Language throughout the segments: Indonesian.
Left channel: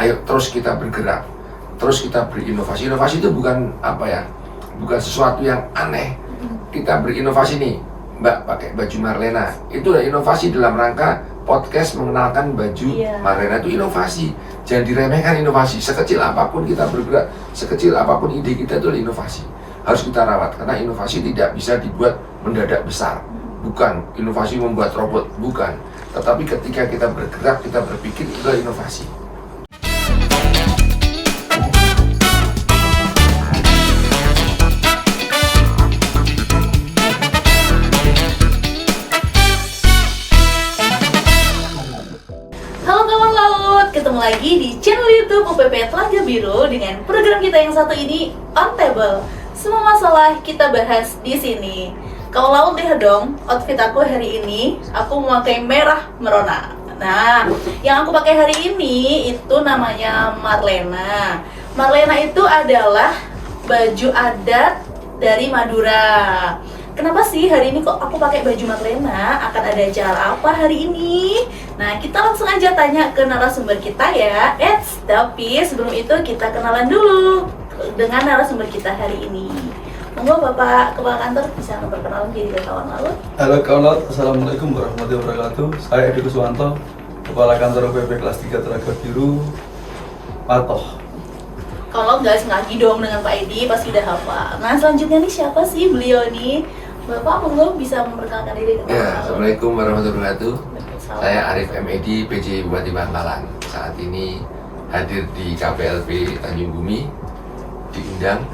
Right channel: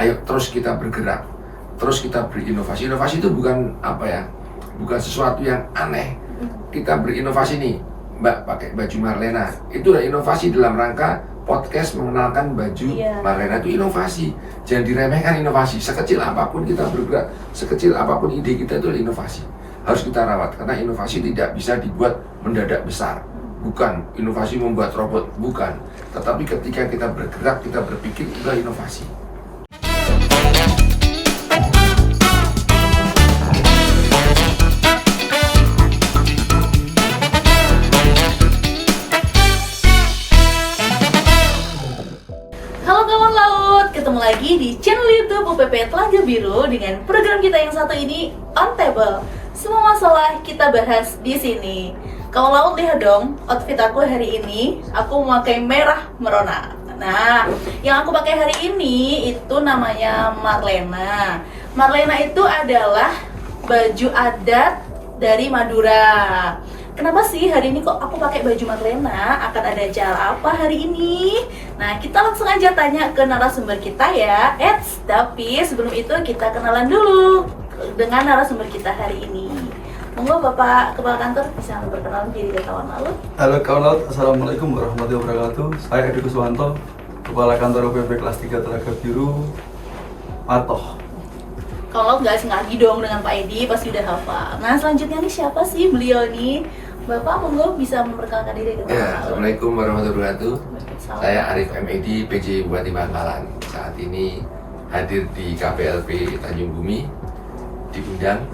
Ayo terus kita bergerak, terus kita berinovasi. Inovasi itu bukan bukan sesuatu yang aneh. Kita berinovasi nih, Mbak pakai baju Marlena, itu udah inovasi dalam rangka podcast mengenalkan baju Marlena, itu inovasi. Jangan diremehkan inovasi. Sekecil apapun kita bergerak, sekecil apapun ide kita, itu adalah inovasi. Harus kita rawat, karena inovasi tidak bisa dibuat mendadak besar. Bukan inovasi membuat robot, bukan. Tetapi ketika kita bergerak, kita berpikir, itu adalah inovasi. Ketemu lagi di channel YouTube UPP Telaga Biru dengan program kita yang satu ini, On Table. Semua masalah kita bahas di sini. Kalau laut lihat dong, outfit aku hari ini, aku memakai merah merona. Nah, yang aku pakai hari ini itu namanya Marlena. Marlena itu adalah baju adat dari Madura. Kenapa sih hari ini kok aku pakai baju Marlena? Akan ada acara apa hari ini? Nah, kita langsung aja tanya ke narasumber kita ya. Tapi sebelum itu kita kenalan dulu dengan narasumber kita hari ini. Monggo Bapak Kepala Kantor bisa memperkenalkan diri ke kawan laut. Halo kawan laut, Assalamualaikum warahmatullahi wabarakatuh. Saya Edi Kuswanto, Kepala Kantor UPP Kelas 3 Telaga Biru, Patoh. Kalau nggak asing lagi dong dengan Pak Edi, pasti udah hafal. Nah, selanjutnya nih siapa sih beliau nih? Bapak monggo bisa memperkenalkan diri ke kawan laut. Assalamualaikum warahmatullahi wabarakatuh. Saya Arif M. Edi, PJ Bupati Bangkalan. Saat ini hadir di KPLP Tanjung Bumi, diundang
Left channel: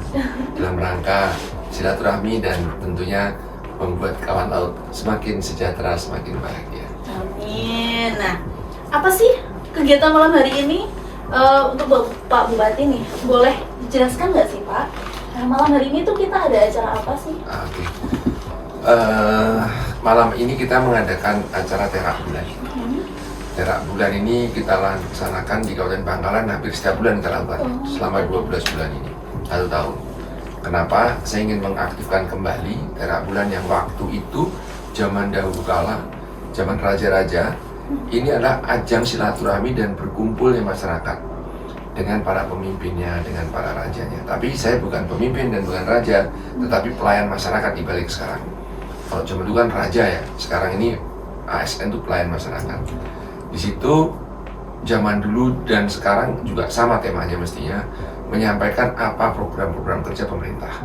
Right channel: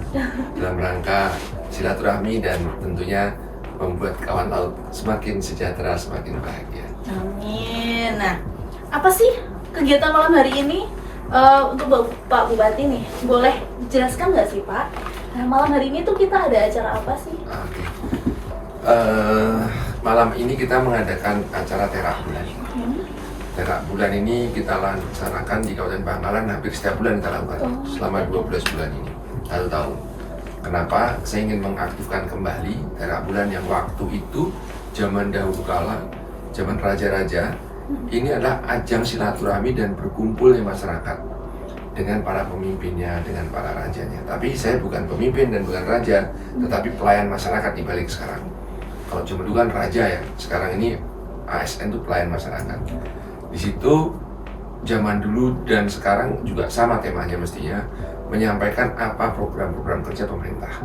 dalam rangka silaturahmi dan tentunya membuat kawan laut semakin sejahtera, semakin bahagia. Amin. Nah, apa sih kegiatan malam hari ini? Untuk Pak Bupati nih, boleh dijelaskan nggak sih Pak? Nah, malam hari ini tuh kita ada acara apa sih? Oke. Malam ini kita mengadakan acara terak bulan. Terak bulan ini kita laksanakan di Kabupaten Bangkalan hampir setiap bulan kita lakukan selama 12 bulan ini, 1 tahun. Kenapa? Saya ingin mengaktifkan kembali terak bulan yang waktu itu zaman dahulu kala, zaman raja-raja. Ini adalah ajang silaturahmi dan berkumpulnya masyarakat dengan para pemimpinnya, dengan para rajanya. Tapi saya bukan pemimpin dan bukan raja, tetapi pelayan masyarakat di balik sekarang. Kalau zaman dulu kan raja ya, sekarang ini ASN itu pelayan masyarakat. Di situ zaman dulu dan sekarang juga sama temanya mestinya, menyampaikan apa program-program kerja pemerintah,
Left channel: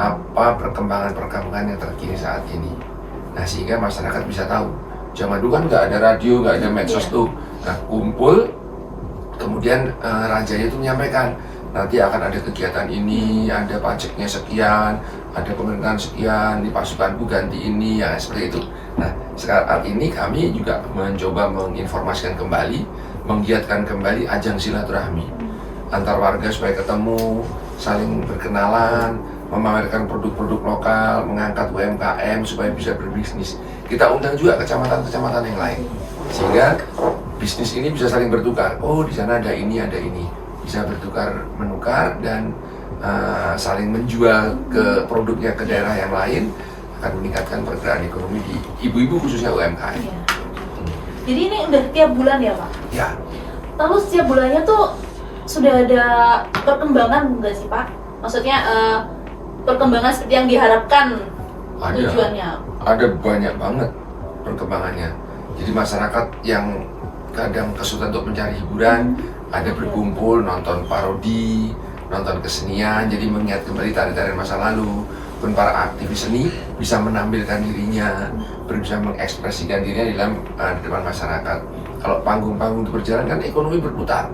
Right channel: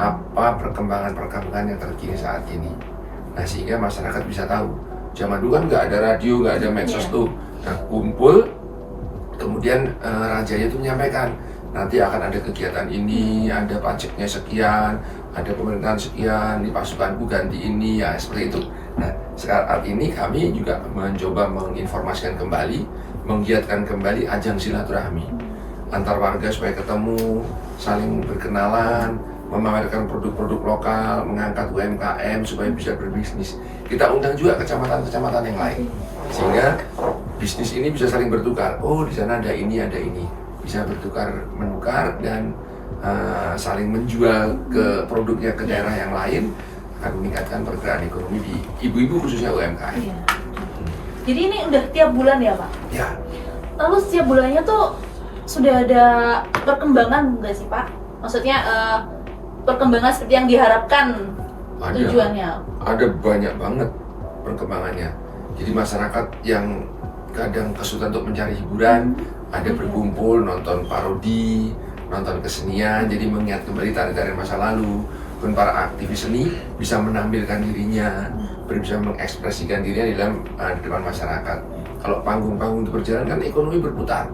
apa perkembangan-perkembangan yang terkini saat ini. Nah, sehingga masyarakat bisa tahu. Zaman dulu kan nggak ada radio, nggak ada medsos tuh. Nah, kumpul, kemudian rajanya itu menyampaikan, nanti akan ada kegiatan ini, ada pajaknya sekian, ada pemerintahan sekian, di pasukanku ganti ini, ya seperti itu. Nah, saat ini kami juga mencoba menginformasikan kembali, menggiatkan kembali ajang silaturahmi antar warga supaya ketemu, saling berkenalan, memamerkan produk-produk lokal, mengangkat UMKM supaya bisa berbisnis. Kita undang juga kecamatan-kecamatan yang lain, sehingga bisnis ini bisa saling bertukar. Oh, di sana ada ini, bisa bertukar menukar dan saling menjual ke produknya ke daerah yang lain, akan meningkatkan pergerakan ekonomi di ibu-ibu khususnya UMKM. Iya. Jadi ini udah tiap bulan ya Pak? Ya. Lalu setiap bulannya tuh sudah ada perkembangan nggak sih Pak? Maksudnya perkembangan seperti yang diharapkan tujuannya? Ada banyak banget perkembangannya. Jadi masyarakat yang kadang kesulitan untuk mencari hiburan, ada berkumpul nonton parodi, nonton kesenian, jadi mengingat kembali tarian-tarian masa lalu. Pun para aktivis seni bisa menampilkan dirinya, bisa mengekspresikan dirinya di dalam depan masyarakat. Kalau panggung-panggung itu berjalan kan ekonomi berputar.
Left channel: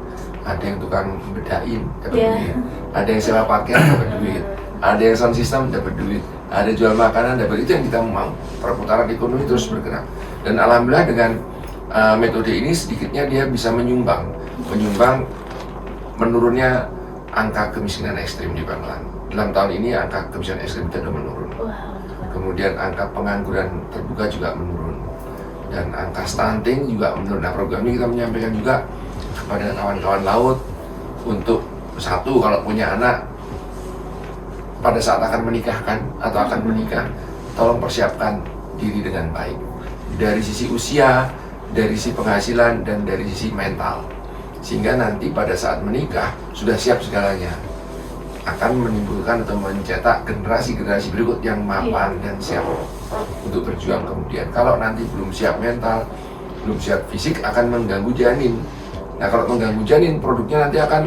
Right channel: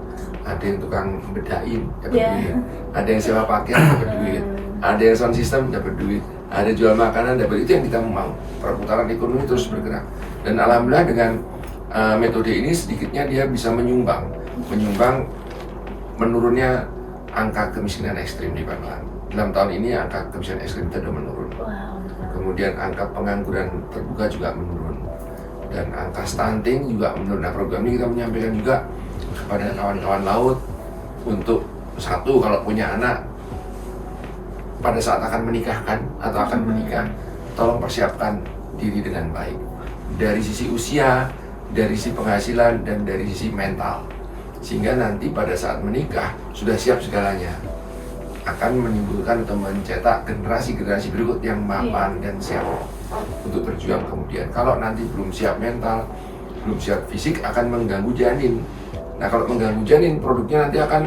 Ada yang tukang bedain dapat duit, ada yang sewa pakaian dapat duit, ada yang sound system dapat duit, ada jual makanan dapat, itu yang kita mau. Perputaran ekonomi terus bergerak. Dan alhamdulillah dengan metode ini sedikitnya dia bisa menyumbang menurunnya angka kemiskinan ekstrim di Bangkalan. Dalam tahun ini angka kemiskinan ekstrim kita sudah menurun. Kemudian angka pengangguran terbuka juga menurun. Dan angka stunting juga menurun. Nah, program ini kita menyampaikan juga kepada kawan-kawan laut untuk satu, kalau punya anak pada saat akan menikahkan atau akan menikah, tolong persiapkan diri dengan baik dari sisi usia, dari sisi penghasilan, dan dari sisi mental. sehingga nanti pada saat menikah sudah siap segalanya, akan menimbulkan atau mencetak generasi-generasi berikut yang mapan dan siap untuk berjuang kemudian. Kalau nanti belum siap mental, belum siap fisik, akan mengganggu janin. Nah, kalau mengganggu janin, produknya nanti akan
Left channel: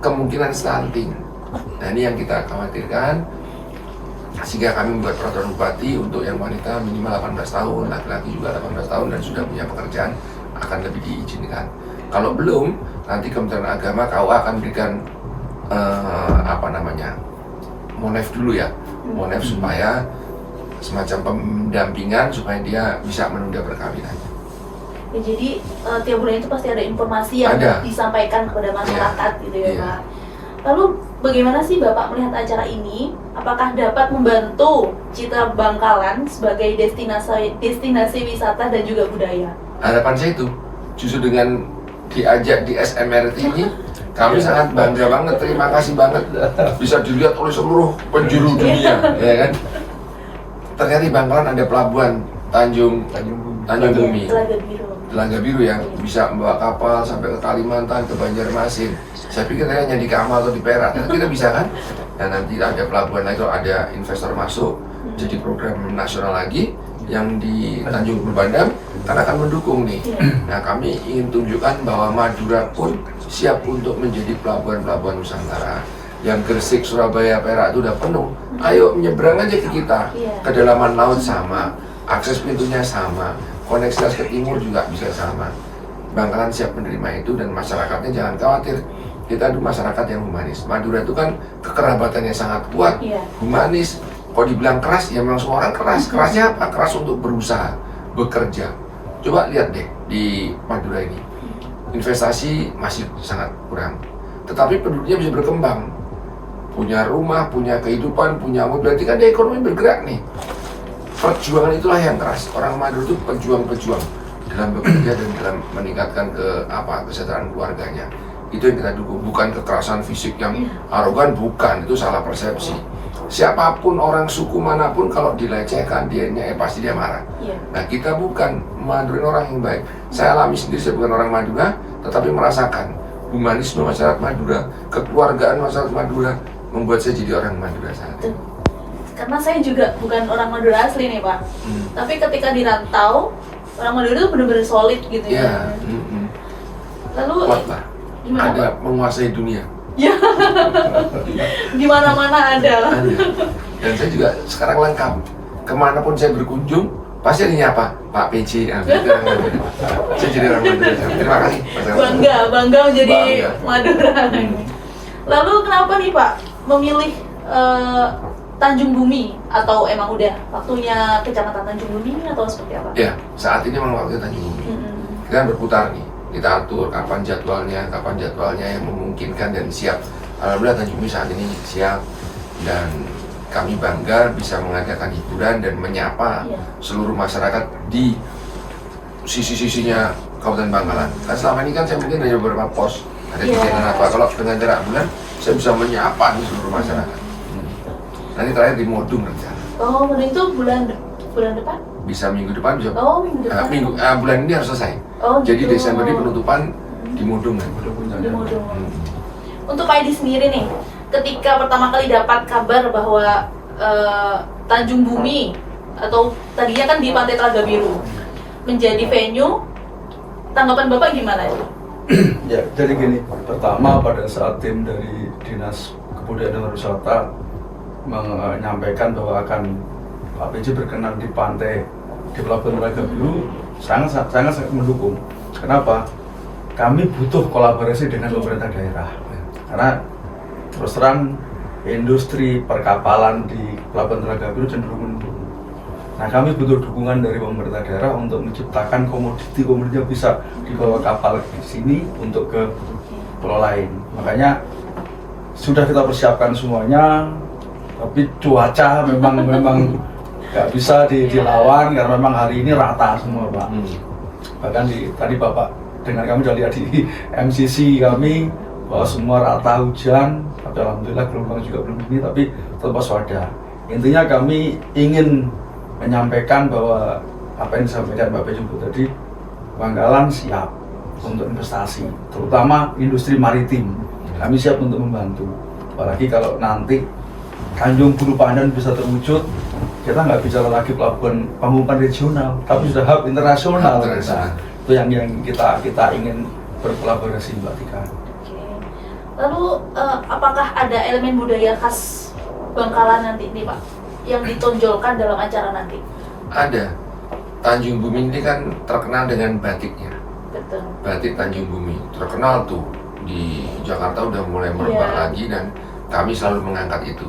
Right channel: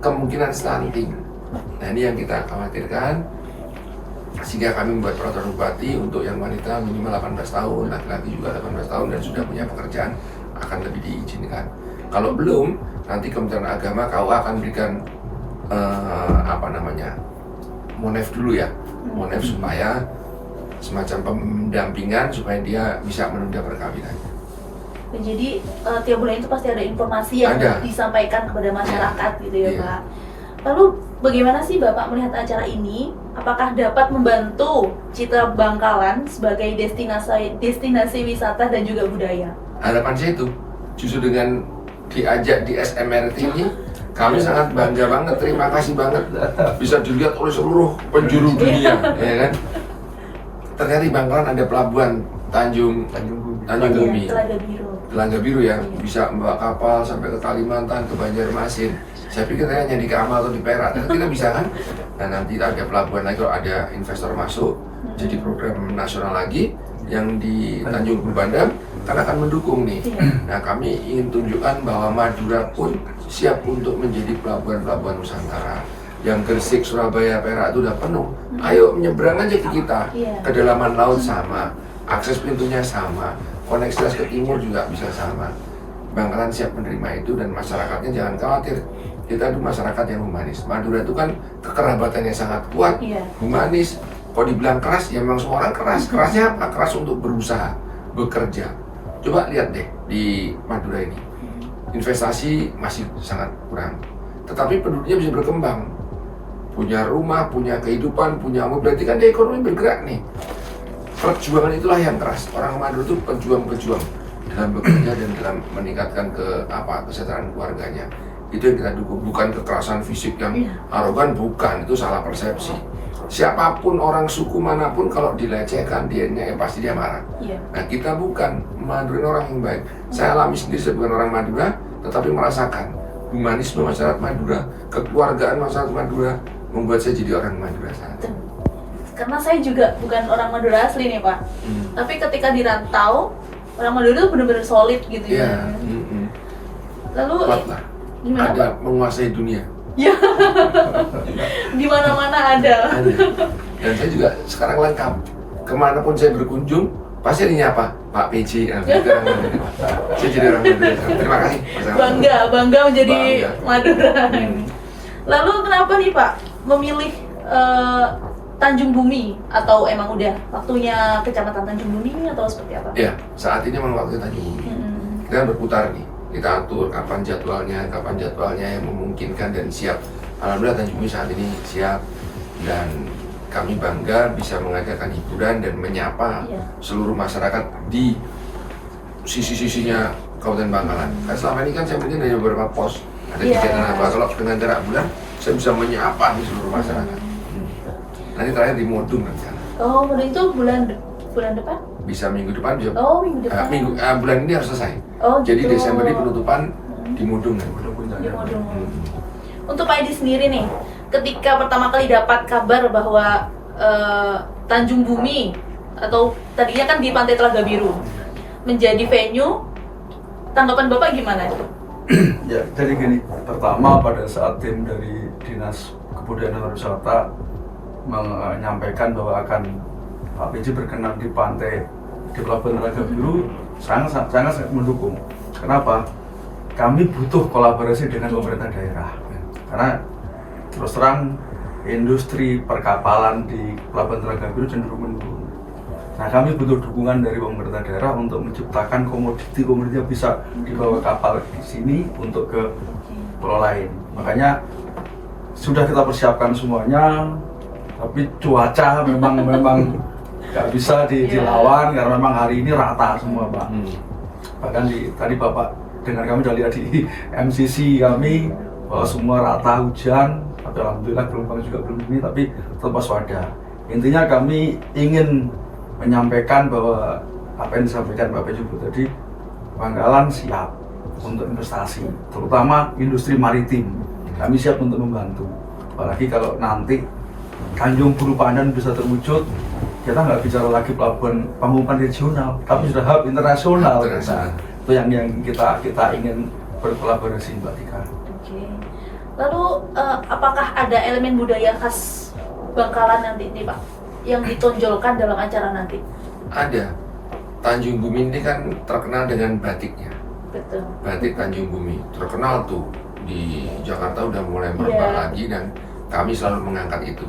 kemungkinan stunting. Nah, ini yang kita khawatirkan, sehingga kami membuat peraturan bupati untuk yang wanita minimal 18 tahun, laki-laki juga 18 tahun dan sudah punya pekerjaan akan lebih diizinkan. Kalau belum, nanti Kementerian Agama KUA akan berikan monef dulu ya, monef supaya semacam pendampingan supaya dia bisa menunda perkawinan. Jadi tiap bulan itu pasti ada informasi yang disampaikan kepada masyarakat gitu ya Pak. Lalu bagaimana sih Bapak melihat acara ini? Apakah dapat membantu citra Bangkalan sebagai destinasi wisata dan juga budaya? Harapan saya itu, justru dengan diajak di SMRT ini, kami sangat bangga banget, terima kasih banget bisa dilihat oleh seluruh penjuru dunia, ya kan? Ternyata di Bangkalan ada pelabuhan Tanjung Bumi, Telaga Biru yang bisa membawa kapal sampai ke Kalimantan, ke Banjarmasin. Saya pikir hanya di Kamal atau di Perak, kita bisa kan? Dan nanti ada pelabuhan lagi, ada investor masuk, jadi program nasional lagi yang di Tanjung Bandam kan akan mendukung nih. Nah, kami ingin tunjukkan bahwa Madura pun siap untuk menjadi pelabuhan-pelabuhan Nusantara. Yang Gresik, Surabaya, Perak itu udah penuh. Ayo menyeberang aja ke kita. Kedalaman laut sama, akses pintunya sama, koneksitas ke timur juga bisa sama. Bangkalan siap menerima itu dan masyarakatnya jangan khawatir. Kita itu masyarakat yang humanis. Madura itu kan kekerabatannya sangat kuat, humanis. Kalau dibilang keras, ya memang semua orang keras. Kerasnya apa? Keras untuk berusaha, bekerja. Coba lihat deh di Madura ini, investasi masih sangat kurang, tetapi penduduknya bisa berkembang, punya rumah, punya kehidupan, punya mobil, berarti kan dia ekonomi bergerak nih. Perjuangan itulah yang keras. Orang Madura itu pejuang-pejuang dalam bekerja dan dalam meningkatkan kesejahteraan keluarganya. Itu yang kita dukung, bukan kekerasan fisik yang arogan, bukan, itu salah persepsi. Siapapun orang suku manapun kalau dilecehkan dia pasti dia marah. Nah, kita bukan, Madura orang yang baik. Saya alami sendiri, saya bukan orang Madura, tetapi merasakan humanisme masyarakat Madura, kekeluargaan masyarakat Madura membuat saya jadi orang Madura saat ini. Karena saya juga bukan orang Madura asli nih Pak, tapi ketika dirantau, orang Madura itu benar-benar solid gitu ya. Lalu kuatlah, ada menguasai dunia. Ya, di mana-mana ada. Dan saya juga sekarang lengkap. Kemanapun saya berkunjung, pasti ada nyapa Pak PJ. Saya jadi orang Madura. Terima kasih. Bangga menjadi Madura. Lalu kenapa nih Pak memilih Tanjung Bumi, atau emang udah waktunya Kecamatan Tanjung Bumi atau seperti apa? Ya, saat ini memang waktunya Tanjung Bumi. Kita kan berputar nih. Kita atur kapan jadwalnya yang memungkinkan dan siap. Alhamdulillah Tanjung Bumi saat ini siap dan kami bangga bisa mengadakan hiburan dan menyapa seluruh masyarakat di sisi-sisinya Kabupaten Bangkalan. Karena selama ini kan saya mungkin ada beberapa pos, ada kegiatan apa. Kalau dengan jarak bulan saya bisa menyapa di seluruh masyarakat. Nanti terakhir di Modung rencana. Oh, itu bulan depan? Bisa minggu depan bisa. Oh, minggu depan. Bulan ini harus selesai. Oh, jadi gitu. Desember ini penutupan di Modung kan. Untuk Pak Edi sendiri nih, ketika pertama kali dapat kabar bahwa Tanjung Bumi atau tadinya kan di Pantai Telaga Biru menjadi venue, tanggapan Bapak gimana itu? Ya, jadi gini, pertama pada saat tim dari Dinas Kebudayaan dan Pariwisata menyampaikan bahwa akan Pak PJ berkenan di pantai di Pelabuhan Telaga Biru, sangat mendukung. Kenapa? Kami butuh kolaborasi dengan pemerintah daerah. Karena terus terang industri perkapalan di Pelabuhan Telaga Biru cenderung menurun. Nah, kami butuh dukungan dari pemerintah daerah untuk menciptakan komoditi yang bisa dibawa kapal di sini untuk ke pulau lain. Makanya sudah kita persiapkan semuanya, tapi cuaca memang nggak bisa dilawan karena memang hari ini rata semua, Pak. Bahkan tadi Bapak dengan kami sudah lihat di MCC kami bahwa semua rata hujan, tapi alhamdulillah gelombang juga belum ini, tapi tetap waspada. Intinya kami ingin menyampaikan bahwa apa yang disampaikan Bapak Jumbo tadi, Bangkalan siap untuk investasi, terutama industri maritim. Kami siap untuk membantu. Apalagi kalau nanti Tanjung Bulu Pandan bisa terwujud, kita nggak bicara lagi pelabuhan pamungkan regional, tapi sudah hub internasional. Internasional. Nah, itu yang kita ingin berkolaborasi, Mbak Tika. Oke. Lalu apakah ada elemen budaya khas Bangkalan nanti nih Pak yang ditonjolkan dalam acara nanti? Ada. Tanjung Bumi ini kan terkenal dengan batiknya. Betul. Batik Tanjung Bumi terkenal tuh di Jakarta, udah mulai merebak Iya. lagi, dan kami selalu mengangkat itu.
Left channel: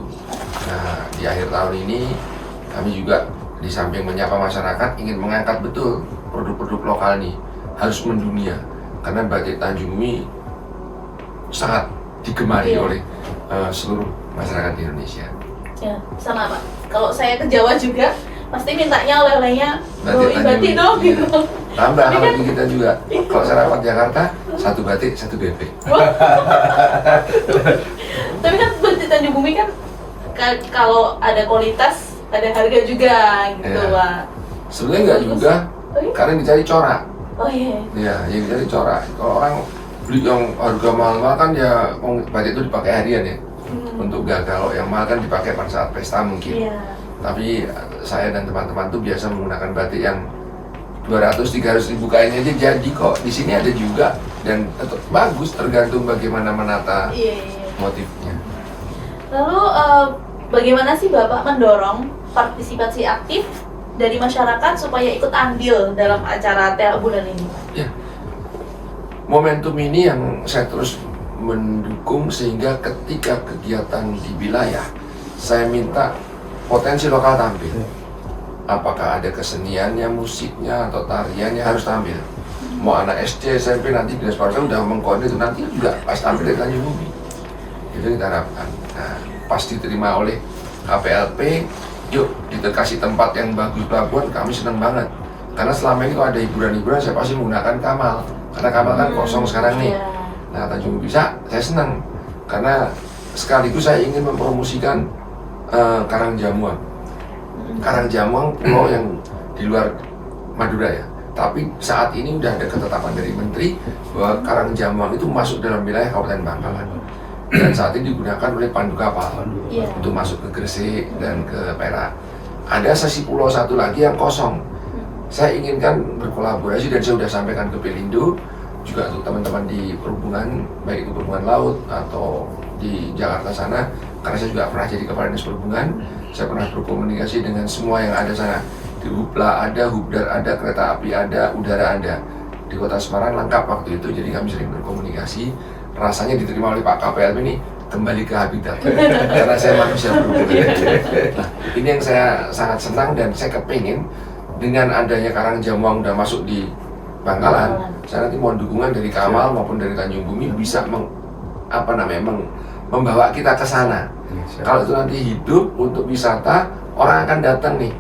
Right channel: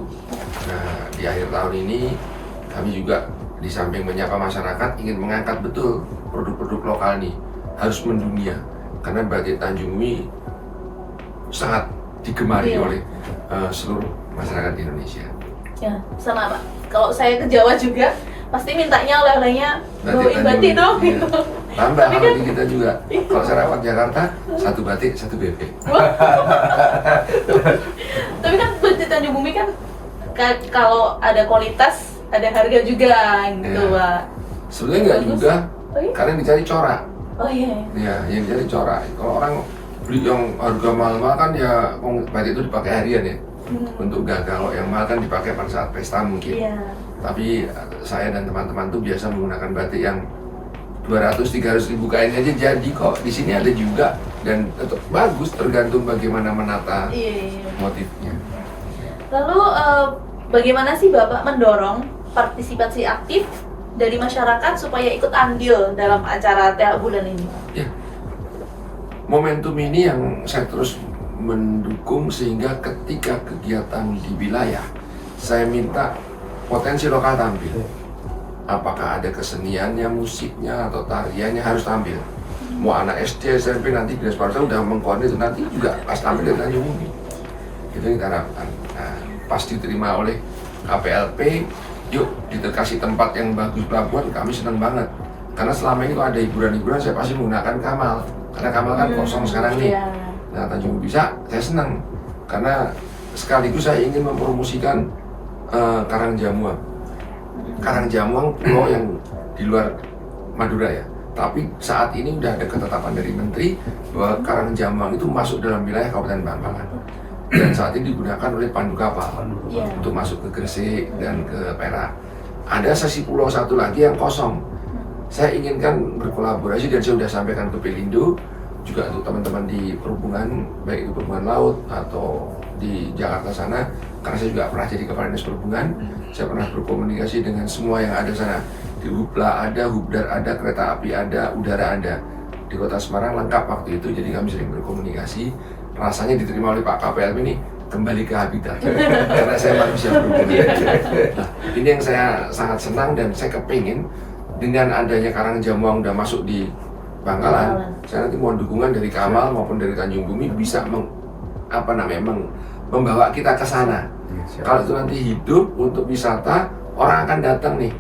Nah, di akhir tahun ini kami juga di samping menyapa masyarakat ingin mengangkat betul produk-produk lokal nih harus mendunia, karena batik Tanjung Bumi sangat digemari Iya. oleh seluruh masyarakat Indonesia. Ya, sama Pak. Kalau saya ke Jawa juga pasti mintanya oleh-olehnya Batik bawain Tanjung batik Bumi, dong iya. gitu. Tambah Tapi kalau kan- di kita juga, kalau sarapan Jakarta satu batik satu bebek. Tapi kan batik Tanjung Bumi kan kalau ada kualitas ada harga juga gitu Iya. Pak. Sebenarnya nggak Terus? juga, Oh iya? karena yang dicari corak. Oh iya. Ya, yang dicari corak. Kalau orang beli yang harga mahal kan ya, batik itu dipakai harian ya. Untuk gagal, kalau yang mahal kan dipakai pada saat pesta mungkin. Iya. Tapi saya dan teman-teman tuh biasa menggunakan batik yang 200-300 ribu kainnya aja jadi kok. Di sini ada juga, dan tetap bagus tergantung bagaimana menata Iya, iya. motifnya. Lalu bagaimana sih Bapak mendorong partisipasi aktif dari masyarakat supaya ikut andil dalam acara TEA bulan ini? Ya, momentum ini yang saya terus mendukung, sehingga ketika kegiatan di wilayah saya minta potensi lokal tampil. Apakah ada keseniannya, musiknya, atau tariannya harus tampil. Mau anak SD, SMP, nanti Dinas Pariwisata udah mengkoordinir itu, nanti juga pas tampil dari Tanjung Bumi. Itu yang kita harapkan. Nah, pas diterima oleh KPLP, yuk kita kasih tempat yang bagus pelabuhan, kami senang banget. Karena selama ini kalau ada hiburan-hiburan, saya pasti menggunakan Kamal. Karena Kamal kan kosong sekarang nih. Iya. Nah, Tanjung Bumi bisa, saya senang. Karena sekaligus saya ingin mempromosikan Karangjamuang. Karangjamuang pulau yang di luar Madura ya. Tapi saat ini udah ada ketetapan dari Menteri bahwa Karangjamuang itu masuk dalam wilayah Kabupaten Bangkalan. Dan saat ini digunakan oleh pandu kapal Iya. untuk masuk ke Gresik dan ke Perak. Ada sesi pulau satu lagi yang kosong. Saya inginkan berkolaborasi, dan saya sudah sampaikan ke Pelindo, juga untuk teman-teman di perhubungan, baik di perhubungan laut atau di Jakarta sana, karena saya juga pernah jadi kepala dinas perhubungan. Saya pernah berkomunikasi dengan semua yang ada sana. Di Hubla ada, Hubdar ada, kereta api ada, udara ada. Di Kota Semarang lengkap waktu itu, jadi kami sering berkomunikasi. Rasanya diterima oleh Pak KPLP ini kembali ke habitat, karena saya manusia berhubungan. Nah, ini yang saya sangat senang, dan saya kepingin dengan adanya Karangjamuang udah masuk di Bangkalan, saya nanti mohon dukungan dari Kamal maupun dari Tanjung Bumi bisa membawa kita ke sana. Kalau itu nanti hidup untuk wisata, orang akan datang nih.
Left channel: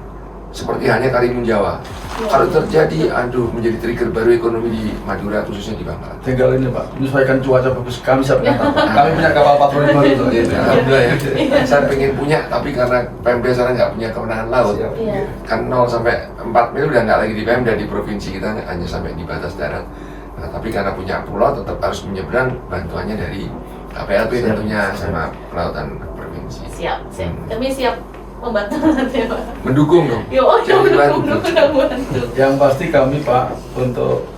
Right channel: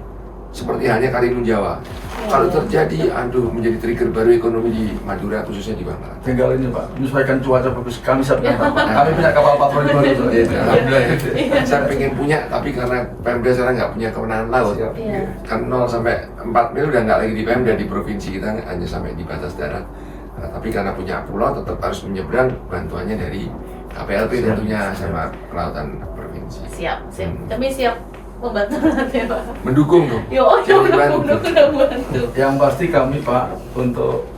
Seperti halnya Karimun Jawa. Kalau terjadi, menjadi trigger baru ekonomi di Madura, khususnya di Bangkalan. Tinggal ini Pak, menyesuaikan cuaca bagus, kami siap datang. Kami punya kapal patroli gitu. Alhamdulillah ya. Saya pengen punya, tapi karena Pemda sekarang nggak punya kewenangan laut. Siap. Iya. Kan 0 sampai 4 mil udah nggak lagi di Pemda, di provinsi kita hanya sampai di batas darat. Nah, tapi karena punya pulau tetap harus menyeberang, bantuannya dari KPLP tentunya sama kelautan provinsi. Siap, siap. Kami siap membantu nanti Pak. Mendukung dong. Yo, Jangan dibantu. bantu. Yang pasti kami Pak, untuk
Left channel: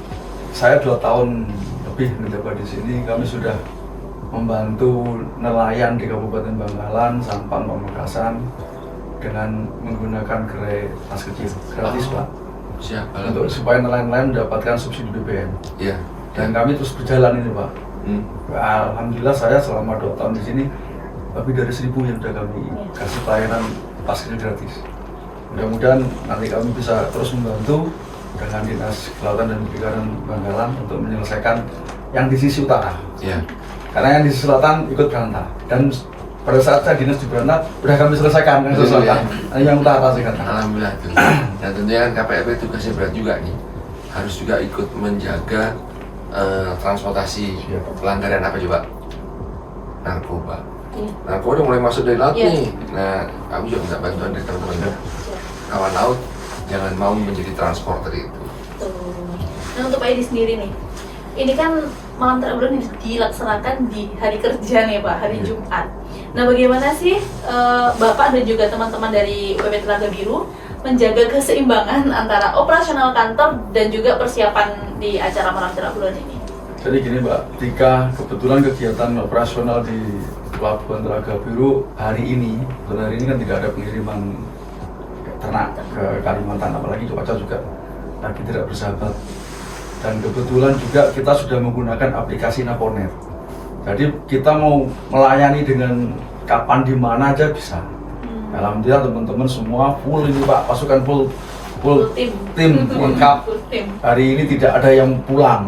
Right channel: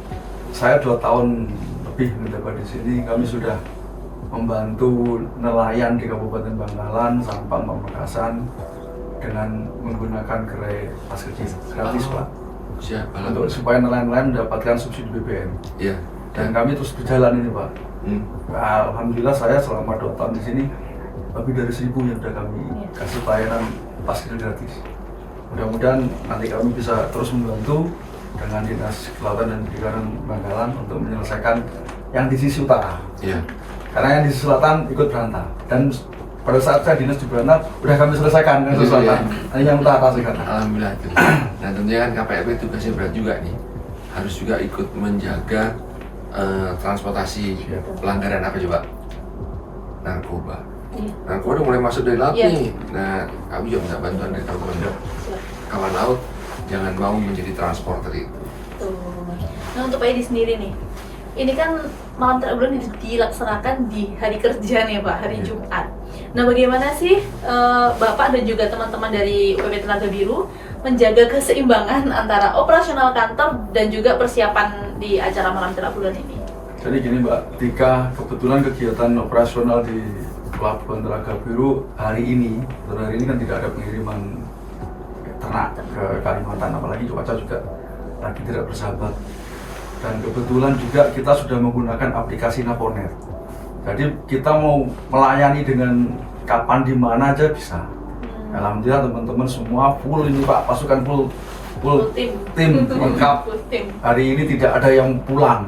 saya 2 tahun lebih menjabat di sini, kami sudah membantu nelayan di Kabupaten Bangkalan, Sampang, Pamekasan dengan menggunakan gerai pas kecil gratis Pak, Siap, untuk supaya nelayan-nelayan mendapatkan subsidi BBM. Iya. Dan kami terus berjalan ini Pak. Hmm. Alhamdulillah saya selama 2 tahun di sini lebih dari 1.000 yang sudah kami kasih pelayanan pas kecil gratis. Mudah-mudahan nanti kami bisa terus membantu dengan Dinas Kelautan dan Perikanan Bangkalan untuk menyelesaikan yang di sisi utara. Iya. Karena yang di sisi selatan ikut berantah. Dan pada saat saya dinas di berantah, udah kami selesaikan yang di sisi Betul, selatan. Nah, yang utara sekarang. Alhamdulillah itu. Nah, tentunya kan KPLP tugasnya berat juga nih. Harus juga ikut menjaga transportasi. Siap. Pelanggaran apa coba? Narkoba. Iya. Narkoba udah mulai masuk dari laut Iya. nih. Nah, kami juga minta bantuan dari teman-teman kawan laut, jangan mau menjadi transporter itu. Tuh. Nah untuk Pak Edi sendiri nih, ini kan malam terakhir dilaksanakan di hari kerja nih Pak, hari Jumat. Nah, bagaimana sih Bapak dan juga teman-teman dari UPP Telaga Biru menjaga keseimbangan antara operasional kantor dan juga persiapan di acara malam terakhir ini? Jadi gini Mbak, ketika kebetulan kegiatan operasional di Pelabuhan Telaga Biru hari ini kan tidak ada pengiriman ternak ke Kalimantan, apalagi cuaca juga lagi tidak bersahabat. Dan kebetulan juga kita sudah menggunakan aplikasi Naponet. Jadi kita mau melayani dengan kapan di mana aja bisa. Alhamdulillah teman-teman semua full ini Pak, pasukan full tim lengkap. Hari ini tidak ada yang pulang.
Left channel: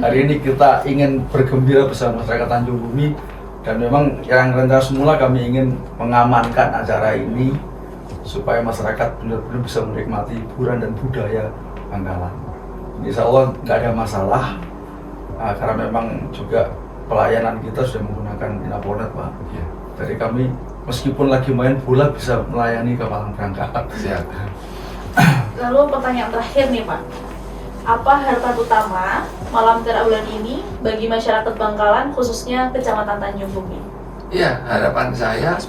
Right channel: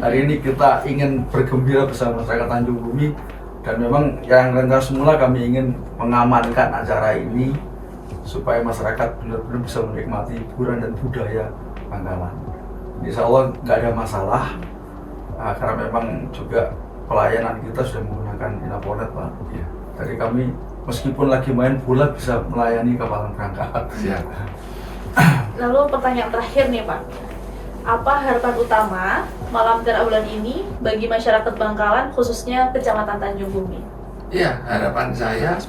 Hari ini kita ingin bergembira bersama masyarakat Tanjung Bumi, dan memang yang rencana semula kami ingin mengamankan acara ini supaya masyarakat benar-benar bisa menikmati hiburan dan budaya Bangkalan. Insya Allah nggak ada masalah, karena memang juga pelayanan kita sudah menggunakan Inaponet Pak. Ya. Jadi kami meskipun lagi main bola bisa melayani kawalan berangkat. Siap. Lalu pertanyaan terakhir nih Pak, apa harapan utama malam terakhir ini bagi masyarakat Bangkalan khususnya Kecamatan Tanjung Bumi? Iya, harapan saya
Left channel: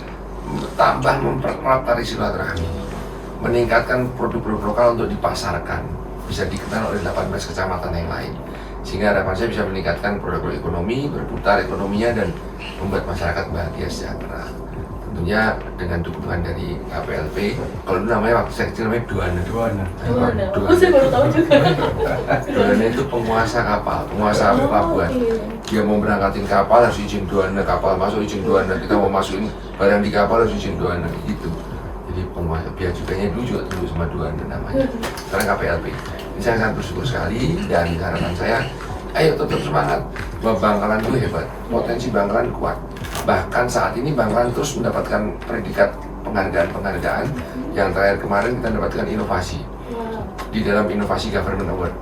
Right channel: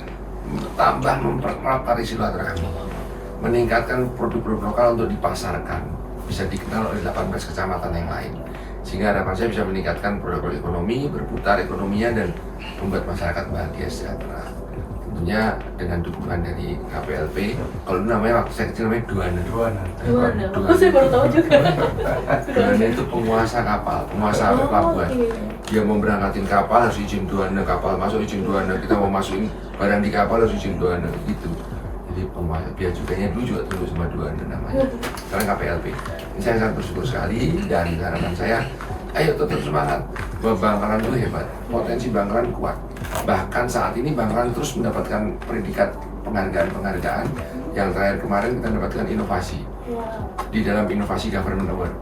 tambah memperkuat tali silaturahmi, meningkatkan produk-produk lokal untuk dipasarkan, bisa dikenal oleh 18 kecamatan yang lain, sehingga harapan saya bisa meningkatkan produk ekonomi, berputar ekonominya, dan membuat masyarakat bahagia sejahtera. Tentunya dengan dukungan dari KPLP, kalau dulu namanya waktu saya kecil namanya Duana. Aku sih baru tahu juga. Duana itu penguasa kapal, penguasa pelabuhan. Dia mau berangkatin kapal harus izin Duana, kapal masuk izin Duana, kita mau masukin barang di kapal harus izin Duana, gitu. Jadi penguasa, biaya cukainya dulu juga tunduk sama Duana namanya. Sekarang KPLP. Ini saya sangat bersyukur sekali, dan harapan saya, ayo tetap semangat. Bahwa Bangkalan itu hebat, potensi Bangkalan kuat. Bahkan saat ini Bangkalan terus mendapatkan predikat penghargaan-penghargaan. Yang terakhir kemarin kita mendapatkan inovasi di dalam Inovasi Government Award.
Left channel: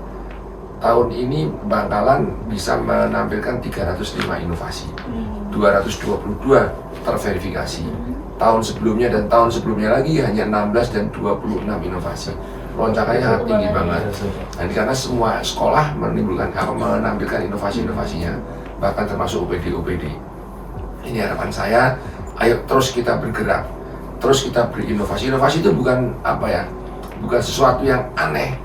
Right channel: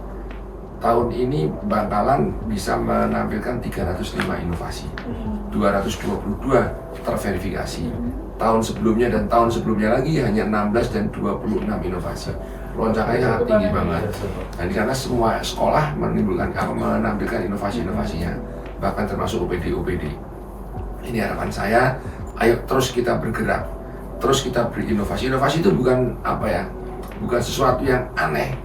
Tahun ini Bangkalan bisa menampilkan 305 inovasi, 222 terverifikasi. Tahun sebelumnya dan tahun sebelumnya lagi hanya 16 dan 26 inovasi. Loncakannya sangat tinggi banget. Nah, ini karena semua sekolah menampilkan inovasi-inovasinya, bahkan termasuk OPD. Ini harapan saya, ayo terus kita bergerak, terus kita berinovasi. Inovasi itu bukan bukan sesuatu yang aneh.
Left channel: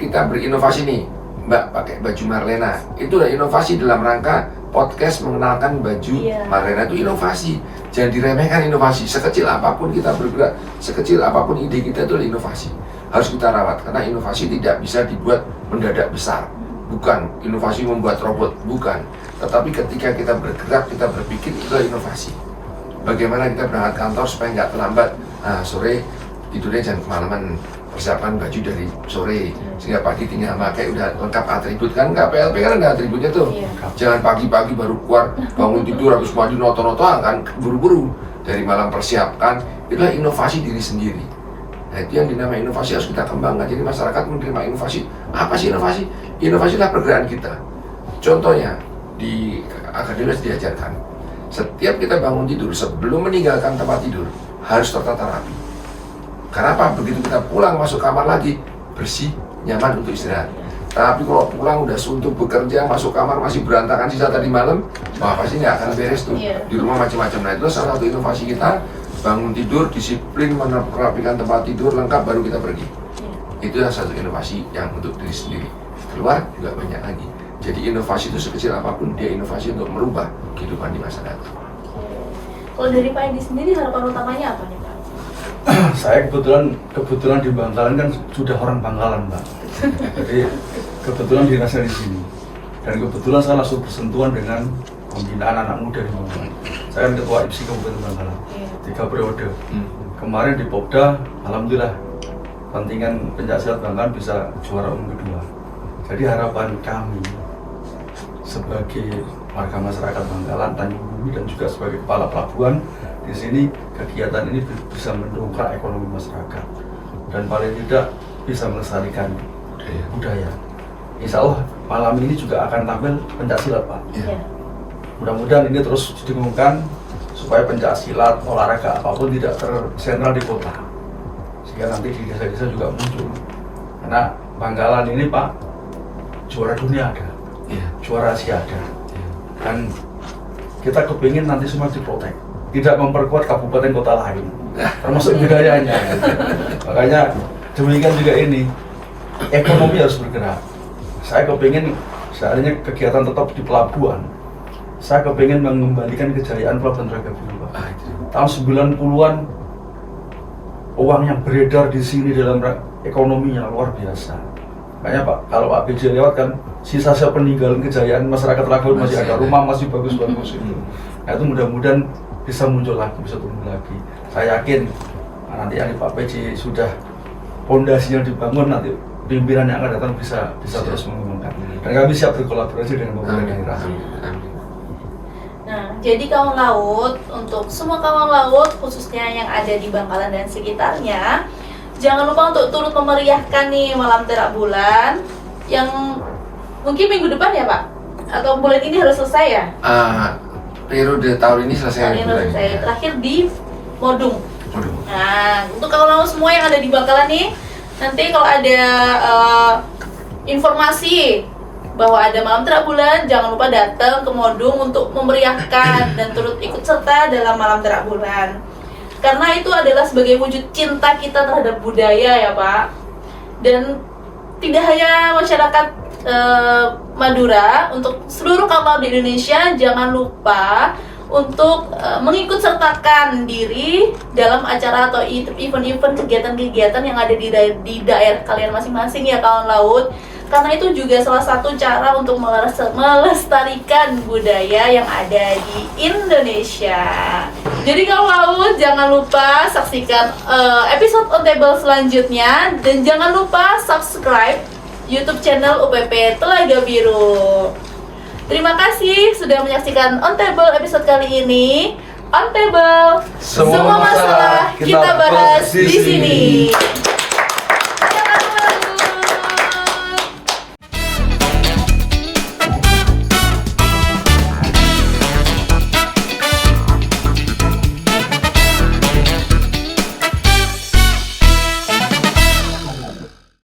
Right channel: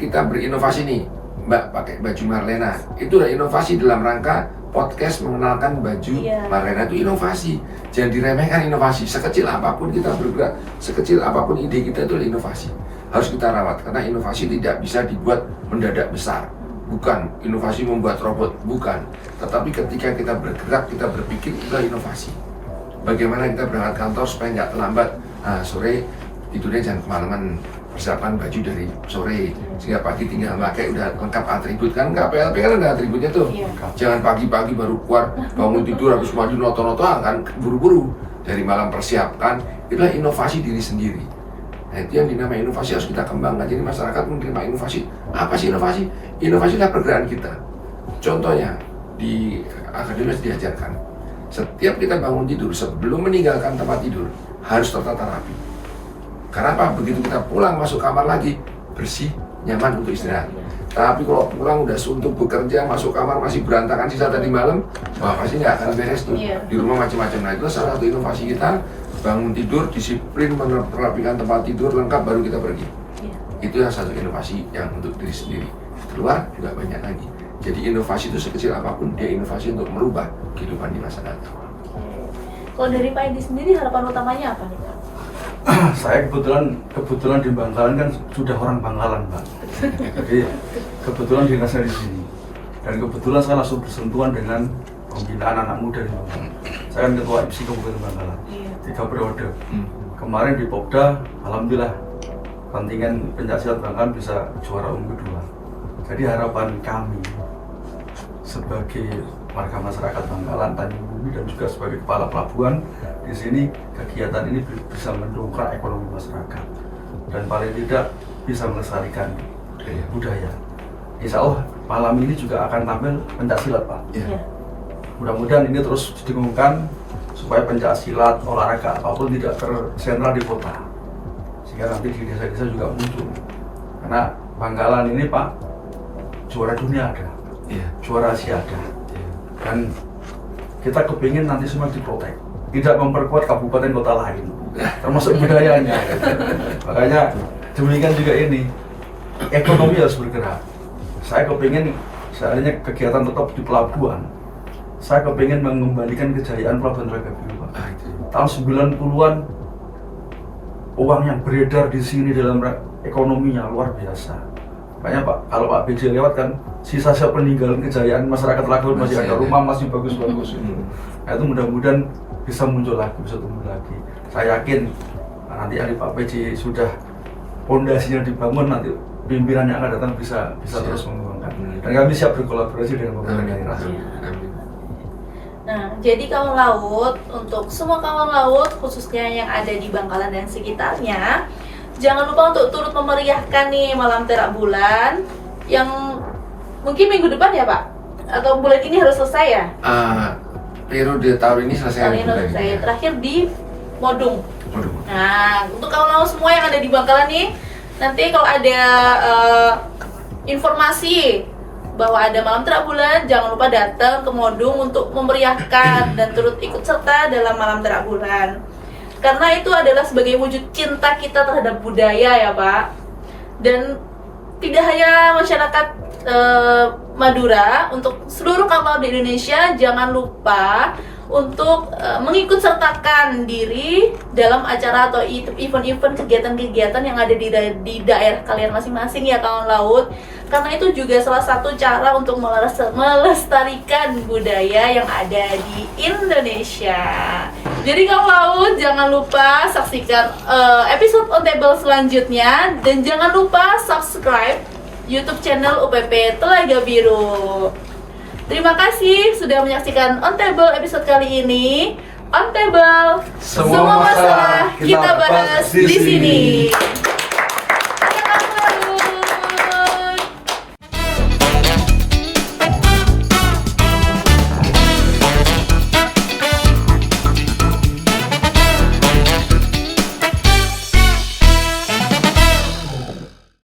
Kita berinovasi nih, Mbak pakai baju Marlena, itu udah inovasi dalam rangka podcast mengenalkan baju Marlena, itu inovasi. Jangan diremehkan inovasi. Sekecil apapun kita bergerak, sekecil apapun ide kita itu adalah inovasi. Harus kita rawat, karena inovasi tidak bisa dibuat mendadak besar. Bukan inovasi membuat robot, bukan. Tetapi ketika kita bergerak, kita berpikir, itulah inovasi. Bagaimana kita berangkat kantor supaya nggak terlambat. Nah, sore tidurnya jangan kemalaman, persiapan baju dari sore, sehingga pagi tinggal pakai udah lengkap atribut. Kan KPLP kan ada atributnya tuh. Jangan pagi-pagi baru keluar, bangun tidur habis maju noto-noto, kan buru-buru. Dari malam persiapkan, itulah inovasi diri sendiri. Nah, itu yang dinamai inovasi harus kita kembangkan. Jadi masyarakat menerima inovasi. Apa sih inovasi? Inovasi adalah pergerakan kita. Contohnya, di akademis diajarkan, setiap kita bangun tidur, sebelum meninggalkan tempat tidur, harus tertata rapi. Karena apa? Begitu kita pulang masuk kamar lagi, bersih, nyaman untuk istirahat. Tapi kalau pulang udah suntuk bekerja, masuk kamar masih berantakan sisa tadi malam, wah pasti nggak akan beres tuh. Di rumah macam-macam. Nah, itu salah satu inovasi kita. Bangun tidur, disiplin, merapikan tempat tidur, lengkap, baru kita pergi. Itu yang satu inovasi yang untuk diri sendiri. Keluar juga banyak lagi. Jadi inovasi itu sekecil apapun, dia inovasi untuk merubah kehidupan di masa datang. Kalau dari Pak Edi sendiri, harapan utamanya apa nih Pak? Saya kebetulan di Bangkalan kan sudah orang Bangkalan Pak. Jadi kebetulan dinasnya di sini. Dan kebetulan saya langsung bersentuhan dengan pembinaan anak muda di Bangkalan. Saya ketua IPSI Kabupaten Bangkalan. 3 periode. Kemarin di Popda, alhamdulillah kontingen pencaksilat Bangkalan bisa juara umum kedua. Jadi harapan kami sebagai warga masyarakat Bangkalan, Tanjung Bumi, dan juga sebagai kepala pelabuhan di sini, kegiatan ini bisa mendongkrak ekonomi masyarakat dan paling tidak bisa melestarikan budaya. Insya Allah malam ini juga akan tampil pencaksilat Pak. Mudah-mudahan ini terus didengungkan supaya pencaksilat, olahraga apapun tidak tersentral di kota, sehingga nanti di desa-desa juga muncul. Karena Bangkalan ini Pak, juara dunia ada. Iya. juara Siada. Dan kita kepingin nanti semua diprotek, tidak memperkuat kabupaten kota lain, termasuk budayanya. Makanya demikian juga ini, ekonomi harus bergerak. Saya kepingin seandainya kegiatan tetap di pelabuhan, saya kepingin mengembalikan kejayaan Pelabuhan Telaga Biru, Pak. Tahun 90-an uang yang beredar di sini dalam ekonominya luar biasa. Makanya Pak, kalau Pak BJ lewat kan sisa-sisa peninggalan kejayaan masyarakat Telaga masih ada, rumah masih bagus-bagus itu. Nah, itu mudah-mudahan bisa muncul lagi, bisa tumbuh lagi. Saya yakin nanti yang Pak BJ sudah pondasinya dibangun, nanti pimpinan yang akan datang bisa terus mengembangkan. Dan kami siap berkolaborasi dengan pemerintah daerah. Nah, jadi kawan laut, untuk semua kawan laut khususnya yang ada di Bangkalan dan sekitarnya, jangan lupa untuk turut memeriahkan nih malam terak bulan yang mungkin minggu depan ya Pak? Atau bulan ini harus selesai ya? Periode tahun ini selesai Tahun ini bulan selesai. ini. Terakhir di Modung. Waduh. Nah, untuk kawan laut semua yang ada di Bangkalan nih, nanti kalau ada informasi bahwa ada malam terak bulan, jangan lupa datang ke Modung untuk memeriahkan dan turut ikut serta dalam malam terak bulan. Karena itu adalah sebagai wujud cinta kita terhadap budaya ya Pak. Dan tidak hanya masyarakat Madura, untuk seluruh kawan laut di Indonesia jangan lupa untuk mengikut sertakan diri dalam acara atau event-event kegiatan-kegiatan yang ada di daerah kalian masing-masing ya kawan laut. Karena itu juga salah satu cara untuk melestarikan budaya yang ada di Indonesia. Jadi kawan laut jangan lupa saksikan episode On Table selanjutnya, dan jangan lupa subscribe YouTube channel UPP Telaga Biru. Terima kasih sudah menyaksikan On Table episode kali ini. On Table, Semua masalah kita bahas di sini.